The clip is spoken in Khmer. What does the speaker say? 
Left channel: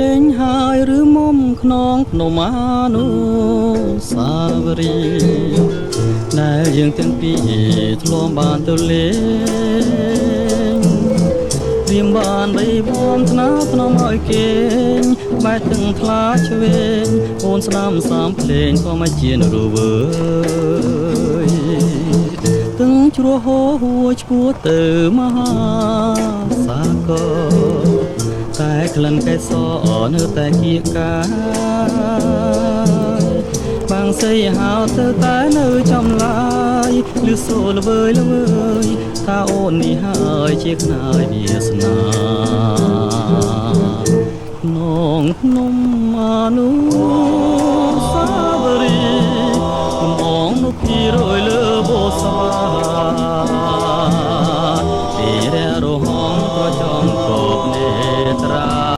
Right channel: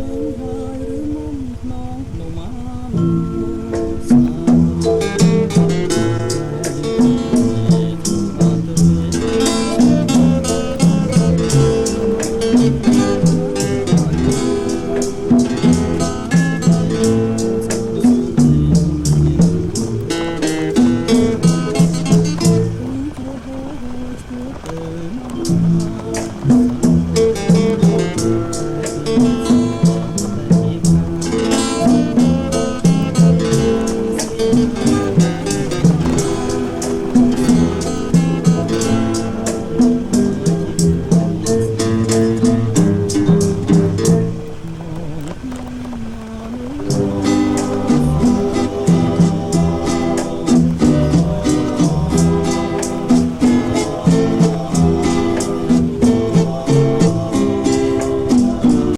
លេងហើយឬមុំខ្នងភ្នំអានុសាវរីយ៍ដែលយើងទាំងពីរធ្លាប់បានទៅលេងព្រាមបានបីបានស្នាស្នងឲ្យគេបែកទាំងខ្លាឆ្វេងអូនស្ដាំសាមភ្លេងក៏មិនជានរវើយទាំងជ្រោះហូរហួរឈ្មោះទៅមហាសាគរតែក្លិនកែសនៅតែគៀកកាបាំងសីហៅទៅតែនៅចំឡាយឬសួរល្វើយល្វើយថាអូននេះហើយជាខ្នាយវាសនានងភ្នំអានុ